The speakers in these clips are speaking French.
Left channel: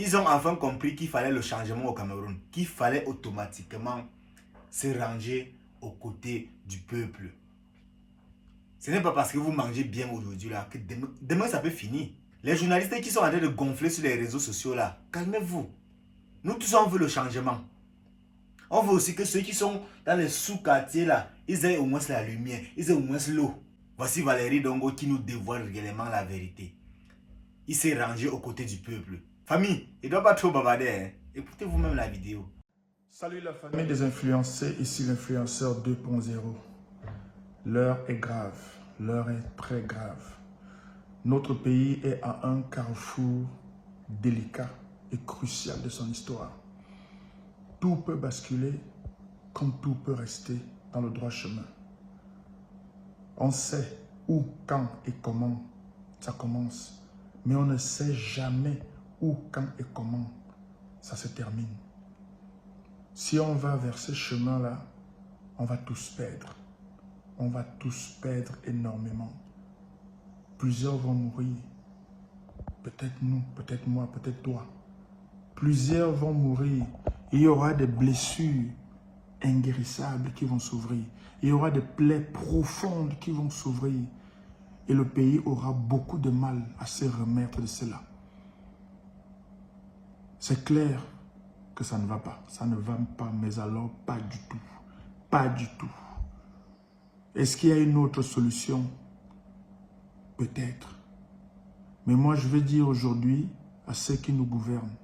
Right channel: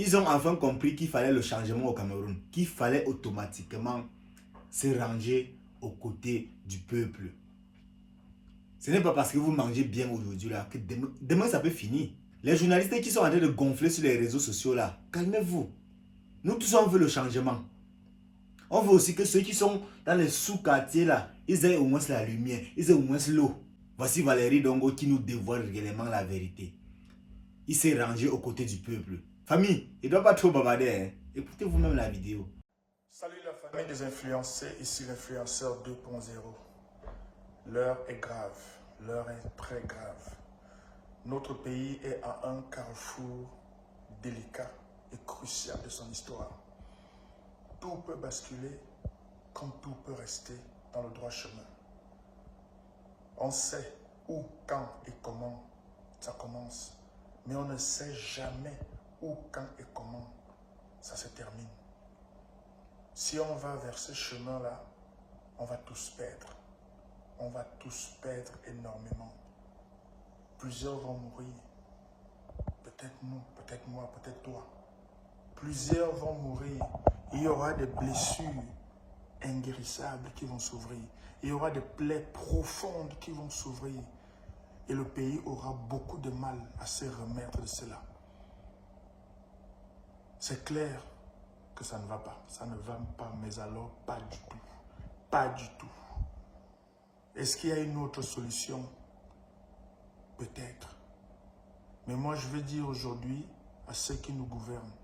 Ils ont enfin compris qu'il fallait le changement au Cameroun, qu'il fallait automatiquement se ranger aux côtés du peuple. Ce n'est pas parce que vous mangez bien aujourd'hui là que demain ça peut finir. Les journalistes qui sont en train de gonfler sur les réseaux sociaux là, calmez-vous. Nous tous on veut le changement. On veut aussi que ceux qui sont dans les sous-quartiers là, ils aient au moins la lumière, ils aient au moins l'eau. Voici Valérie Dongo qui nous dévoile réellement la vérité. Il s'est rangé aux côtés du peuple. Famille, il ne doit pas trop bavarder. Hein. Écoutez vous-même la vidéo. Salut la famille des influencés, ici l'influenceur 2.0. L'heure est grave, l'heure est très grave. Notre pays est à un carrefour délicat et crucial de son histoire. Tout peut basculer comme tout peut rester dans le droit chemin. On sait où, quand et comment ça commence, mais on ne sait jamais où, quand et comment ça se termine. Si on va vers ce chemin-là, on va tous perdre. On va tous perdre énormément. Plusieurs vont mourir. Peut-être nous, peut-être moi, peut-être toi. Plusieurs vont mourir. Il y aura des blessures inguérissables qui vont s'ouvrir. Il y aura des plaies profondes qui vont s'ouvrir. Et le pays aura beaucoup de mal à se remettre de cela. C'est clair que ça ne va pas. Ça ne va pas, mais alors pas du tout. Pas du tout. Est-ce qu'il y a une autre solution? Peut-être. Mais moi, je veux dire aujourd'hui à ceux qui nous gouvernent,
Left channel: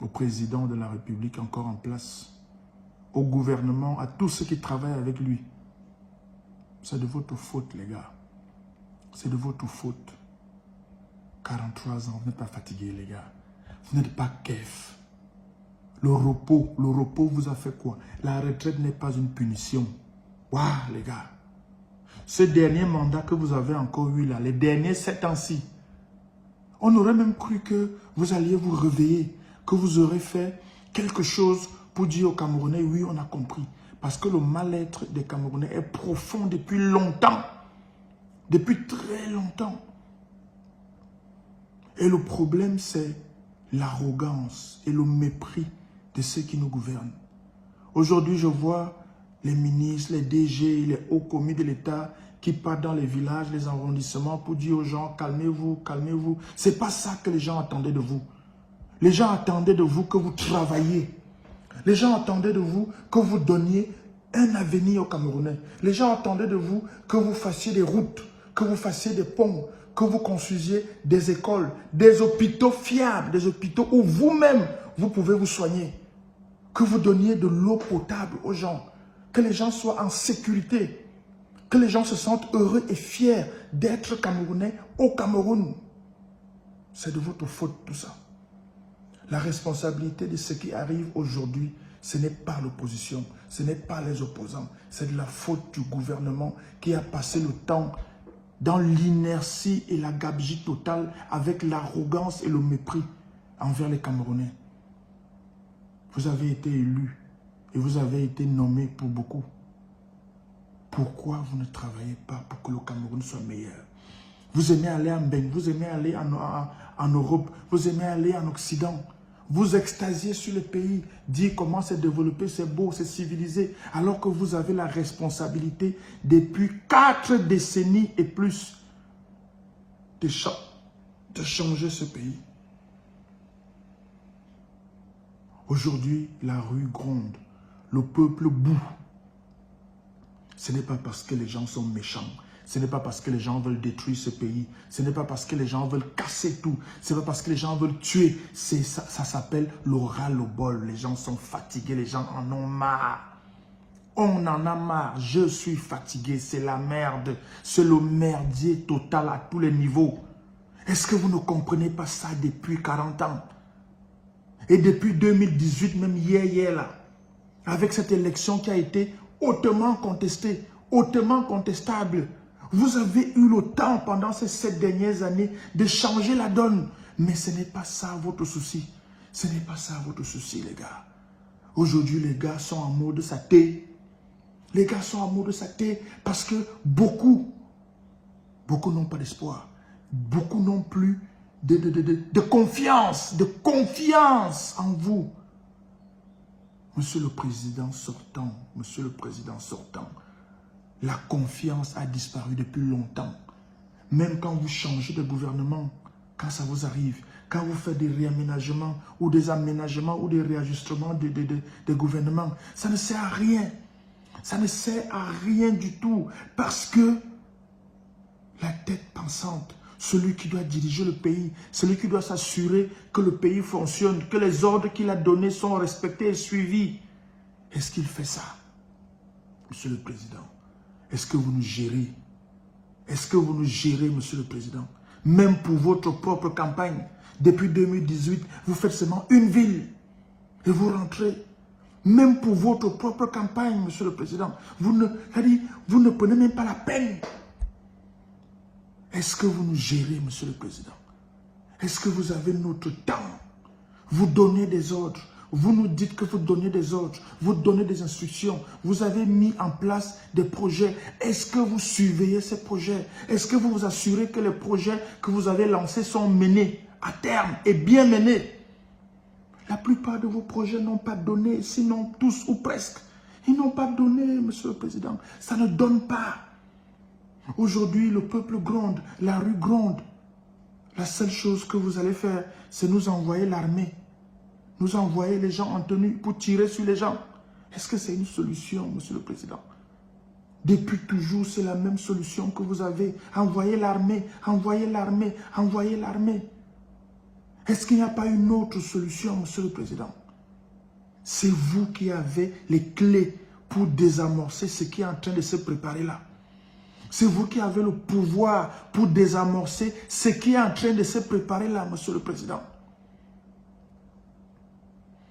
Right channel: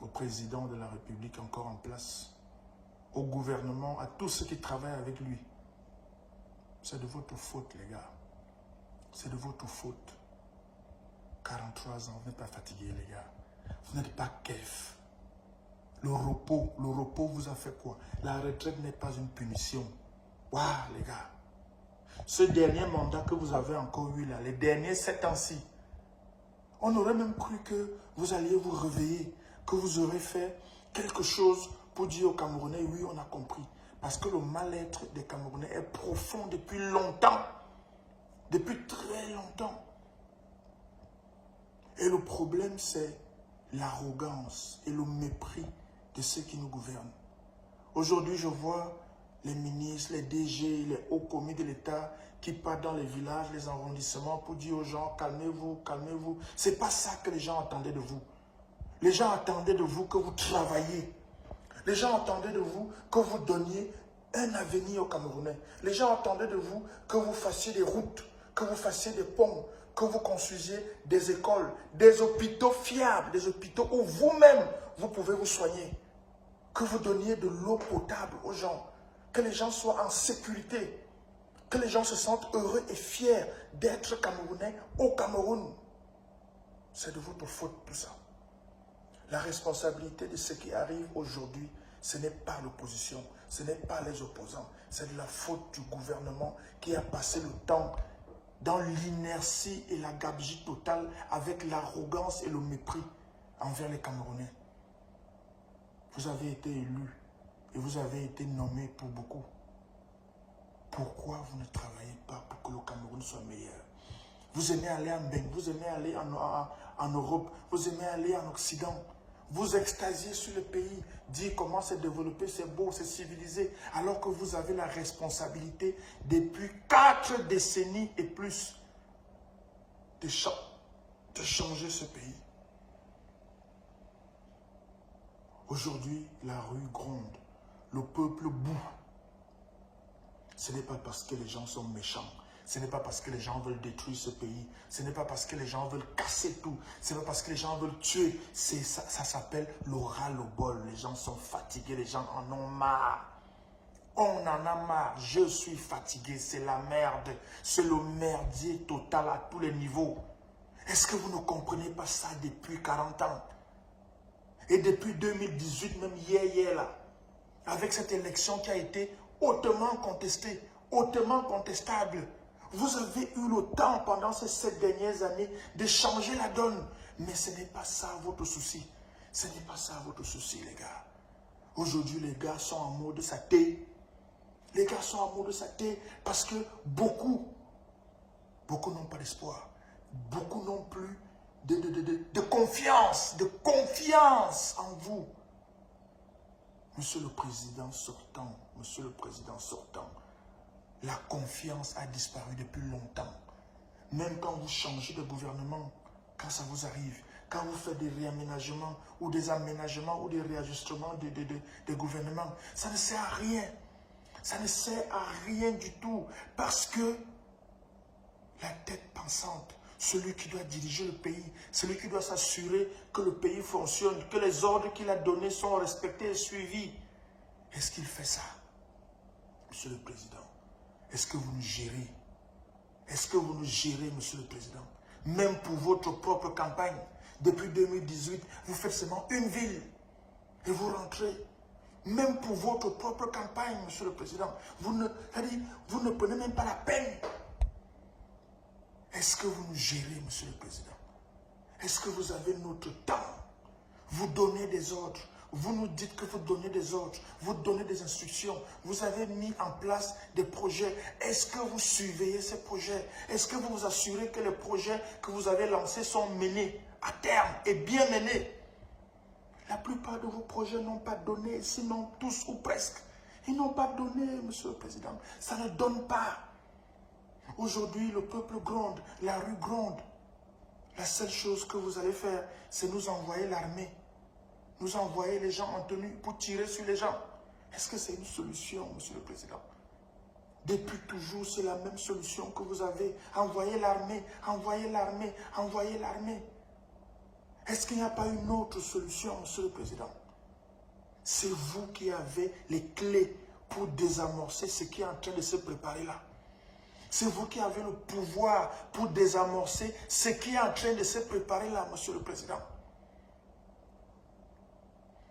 au président de la République encore en place, au gouvernement, à tous ceux qui travaillent avec lui. C'est de votre faute, les gars. C'est de votre faute. 43 ans, vous n'êtes pas fatigué, les gars. Vous n'êtes pas kef. Le repos vous a fait quoi? La retraite n'est pas une punition. Waouh, les gars. Ce dernier mandat que vous avez encore eu là, les derniers 7 ans-ci, on aurait même cru que vous alliez vous réveiller, que vous aurez fait quelque chose pour dire aux Camerounais, oui, on a compris. Parce que le mal-être des Camerounais est profond depuis longtemps. Depuis très longtemps. Et le problème, c'est l'arrogance et le mépris de ceux qui nous gouvernent. Aujourd'hui, je vois les ministres, les DG, les hauts commis de l'État qui partent dans les villages, les arrondissements pour dire aux gens, calmez-vous, calmez-vous. Ce n'est pas ça que les gens attendaient de vous. Les gens attendaient de vous que vous travailliez. Les gens attendaient de vous que vous donniez un avenir aux Camerounais. Les gens attendaient de vous que vous fassiez des routes, que vous fassiez des ponts, que vous construisiez des écoles, des hôpitaux fiables, des hôpitaux où vous-même, vous pouvez vous soigner. Que vous donniez de l'eau potable aux gens. Que les gens soient en sécurité. Que les gens se sentent heureux et fiers d'être Camerounais au Cameroun. C'est de votre faute tout ça. La responsabilité de ce qui arrive aujourd'hui, ce n'est pas l'opposition, ce n'est pas les opposants. C'est de la faute du gouvernement qui a passé le temps dans l'inertie et la gabegie totale avec l'arrogance et le mépris envers les Camerounais. Vous avez été élu et vous avez été nommé pour beaucoup. Pourquoi vous ne travaillez pas pour que le Cameroun soit meilleur? Vous aimez aller en Beng, vous aimez aller en Europe, vous aimez aller en Occident. Vous extasiez sur le pays, dire comment c'est développé, c'est beau, c'est civilisé, alors que vous avez la responsabilité depuis 4 décennies et plus de changer ce pays. Aujourd'hui, la rue gronde, le peuple boue. Ce n'est pas parce que les gens sont méchants. Ce n'est pas parce que les gens veulent détruire ce pays. Ce n'est pas parce que les gens veulent casser tout. Ce n'est pas parce que les gens veulent tuer. Ça s'appelle le ras-le-bol. Les gens sont fatigués. Les gens en ont marre. On en a marre. Je suis fatigué. C'est la merde. C'est le merdier total à tous les niveaux. Est-ce que vous ne comprenez pas ça depuis 40 ans? Et depuis 2018, même hier là, avec cette élection qui a été hautement contestée, hautement contestable. Vous avez eu le temps pendant ces 7 dernières années de changer la donne. Mais ce n'est pas ça votre souci. Ce n'est pas ça votre souci, les gars. Aujourd'hui, les gars sont en mode saté. Les gars sont en mode saté parce que beaucoup n'ont pas d'espoir. Beaucoup n'ont plus de confiance en vous. Monsieur le Président sortant, la confiance a disparu depuis longtemps. Même quand vous changez de gouvernement, quand ça vous arrive, quand vous faites des réaménagements ou des aménagements ou des réajustements de gouvernement, ça ne sert à rien. Ça ne sert à rien du tout parce que la tête pensante, celui qui doit diriger le pays, celui qui doit s'assurer que le pays fonctionne, que les ordres qu'il a donnés sont respectés et suivis. Est-ce qu'il fait ça? Monsieur le Président, est-ce que vous nous gérez? Est-ce que vous nous gérez, Monsieur le Président? Même pour votre propre campagne, depuis 2018, vous faites seulement une ville et vous rentrez. Même pour votre propre campagne, Monsieur le Président, vous ne prenez même pas la peine. Est-ce que vous nous gérez, Monsieur le Président? Est-ce que vous avez notre temps? Vous donnez des ordres. Vous nous dites que vous donnez des ordres. Vous donnez des instructions. Vous avez mis en place des projets. Est-ce que vous surveillez ces projets? Est-ce que vous vous assurez que les projets que vous avez lancés sont menés à terme et bien menés? La plupart de vos projets n'ont pas donné, sinon tous ou presque. Ils n'ont pas donné, Monsieur le Président. Ça ne donne pas. Aujourd'hui, le peuple gronde, la rue gronde. La seule chose que vous allez faire, c'est nous envoyer l'armée. Nous envoyer les gens en tenue pour tirer sur les gens. Est-ce que c'est une solution, Monsieur le Président? Depuis toujours, c'est la même solution que vous avez. Envoyer l'armée, envoyer l'armée, envoyer l'armée. Est-ce qu'il n'y a pas une autre solution, Monsieur le Président? C'est vous qui avez les clés pour désamorcer ce qui est en train de se préparer là. C'est vous qui avez le pouvoir pour désamorcer ce qui est en train de se préparer là, Monsieur le Président.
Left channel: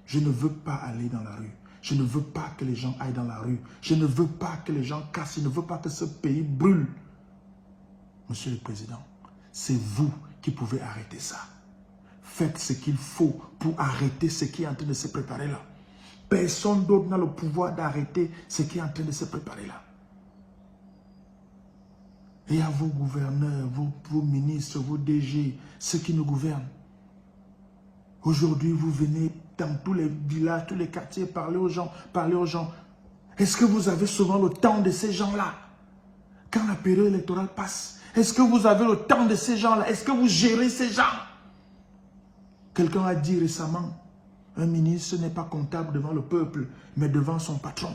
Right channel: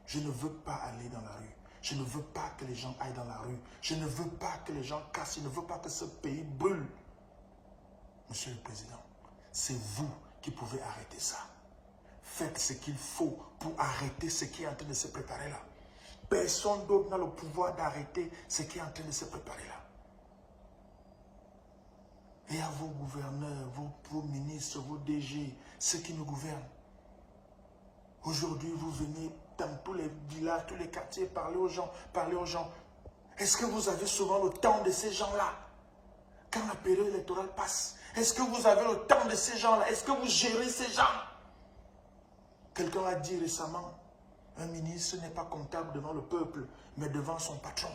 Je ne veux pas aller dans la rue. Je ne veux pas que les gens aillent dans la rue. Je ne veux pas que les gens cassent. Je ne veux pas que ce pays brûle. Monsieur le Président, c'est vous qui pouvez arrêter ça. Faites ce qu'il faut pour arrêter ce qui est en train de se préparer là. Personne d'autre n'a le pouvoir d'arrêter ce qui est en train de se préparer là. Et à vos gouverneurs, vos ministres, vos DG, ceux qui nous gouvernent. Aujourd'hui, vous venez dans tous les villages, tous les quartiers, parler aux gens, parler aux gens. Est-ce que vous avez souvent le temps de ces gens-là? Quand la période électorale passe, est-ce que vous avez le temps de ces gens-là? Est-ce que vous gérez ces gens? Quelqu'un a dit récemment, un ministre n'est pas comptable devant le peuple, mais devant son patron.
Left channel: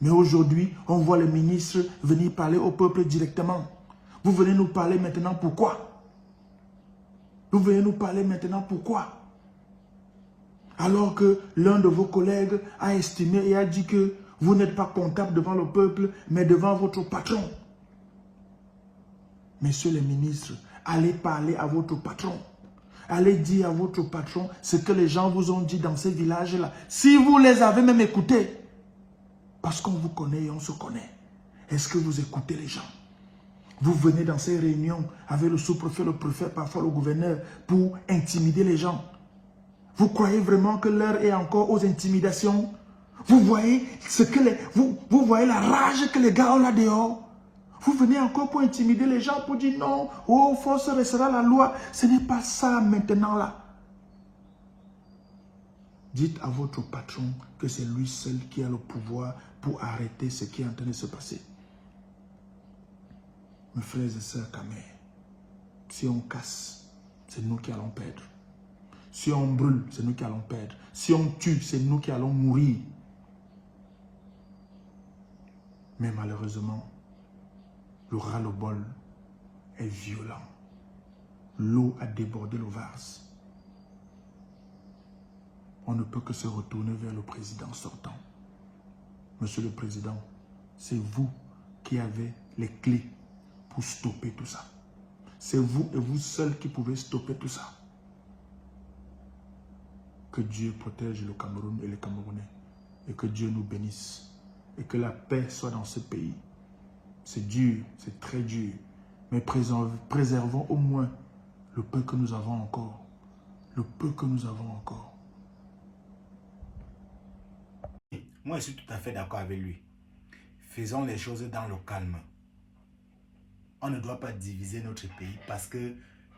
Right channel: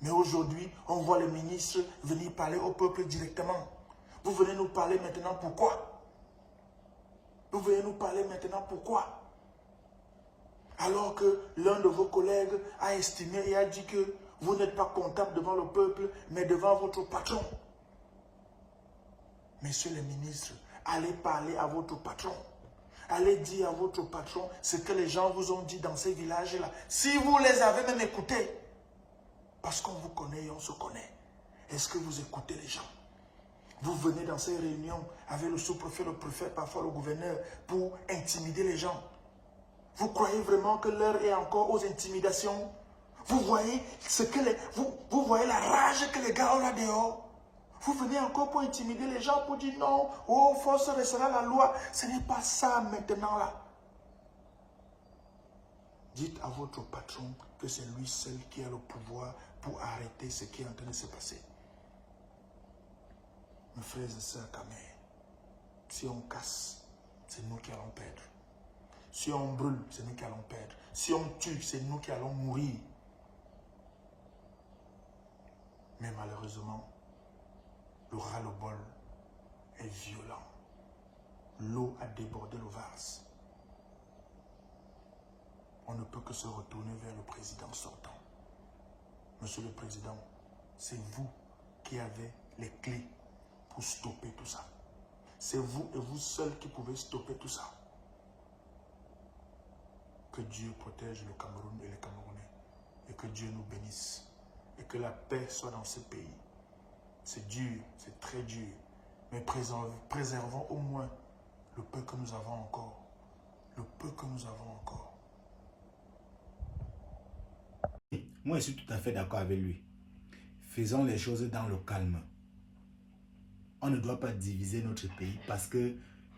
Mais aujourd'hui, on voit les ministres venir parler au peuple directement. Vous venez nous parler maintenant pourquoi? Vous venez nous parler maintenant pourquoi? Alors que l'un de vos collègues a estimé et a dit que vous n'êtes pas comptable devant le peuple, mais devant votre patron. Messieurs les ministres, allez parler à votre patron. Allez dire à votre patron ce que les gens vous ont dit dans ces villages-là. Si vous les avez même écoutés, parce qu'on vous connaît et on se connaît. Est-ce que vous écoutez les gens? Vous venez dans ces réunions avec le sous-préfet, le préfet, parfois le gouverneur, pour intimider les gens. Vous croyez vraiment que l'heure est encore aux intimidations? Vous voyez, vous voyez la rage que les gars ont là dehors? Vous venez encore pour intimider les gens, pour dire non, oh, force restera la loi. Ce n'est pas ça maintenant là. Dites à votre patron que c'est lui seul qui a le pouvoir pour arrêter ce qui est en train de se passer. Mes frères et sœurs Kamé, si on casse, c'est nous qui allons perdre. Si on brûle, c'est nous qui allons perdre. Si on tue, c'est nous qui allons mourir. Mais malheureusement, le ras-le-bol est violent. L'eau a débordé le vase. On ne peut que se retourner vers le président sortant. Monsieur le Président, c'est vous qui avez les clés pour stopper tout ça. C'est vous et vous seul qui pouvez stopper tout ça. Que Dieu protège le Cameroun et les Camerounais. Et que Dieu nous bénisse. Et que la paix soit dans ce pays. C'est dur, c'est très dur. Mais préservons au moins le peu que nous avons encore. Le peu que nous avons encore. Moi, je suis tout à fait d'accord avec lui. Faisons les choses dans le calme. On ne doit pas diviser notre pays parce que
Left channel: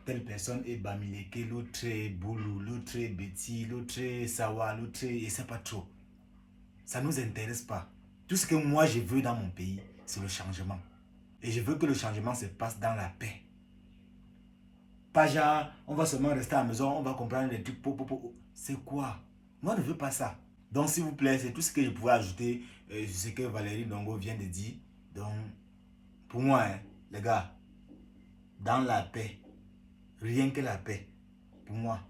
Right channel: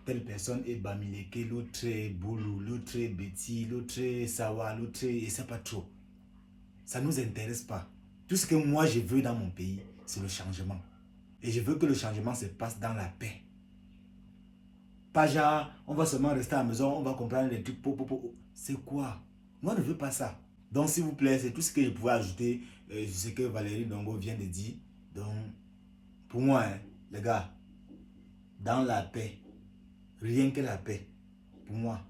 telle personne est Bamileke, l'autre est Boulou, l'autre est Betty, l'autre est Sawa, l'autre est... Et c'est pas trop. Ça ne nous intéresse pas. Tout ce que moi je veux dans mon pays, c'est le changement. Et je veux que le changement se passe dans la paix. Pas genre, on va seulement rester à la maison, on va comprendre les trucs. C'est quoi? Moi, je ne veux pas ça. Donc, s'il vous plaît, c'est tout ce que je pouvais ajouter. Ce que Valérie Ndongo vient de dire. Donc, pour moi, hein, les gars, dans la paix, rien que la paix, pour moi,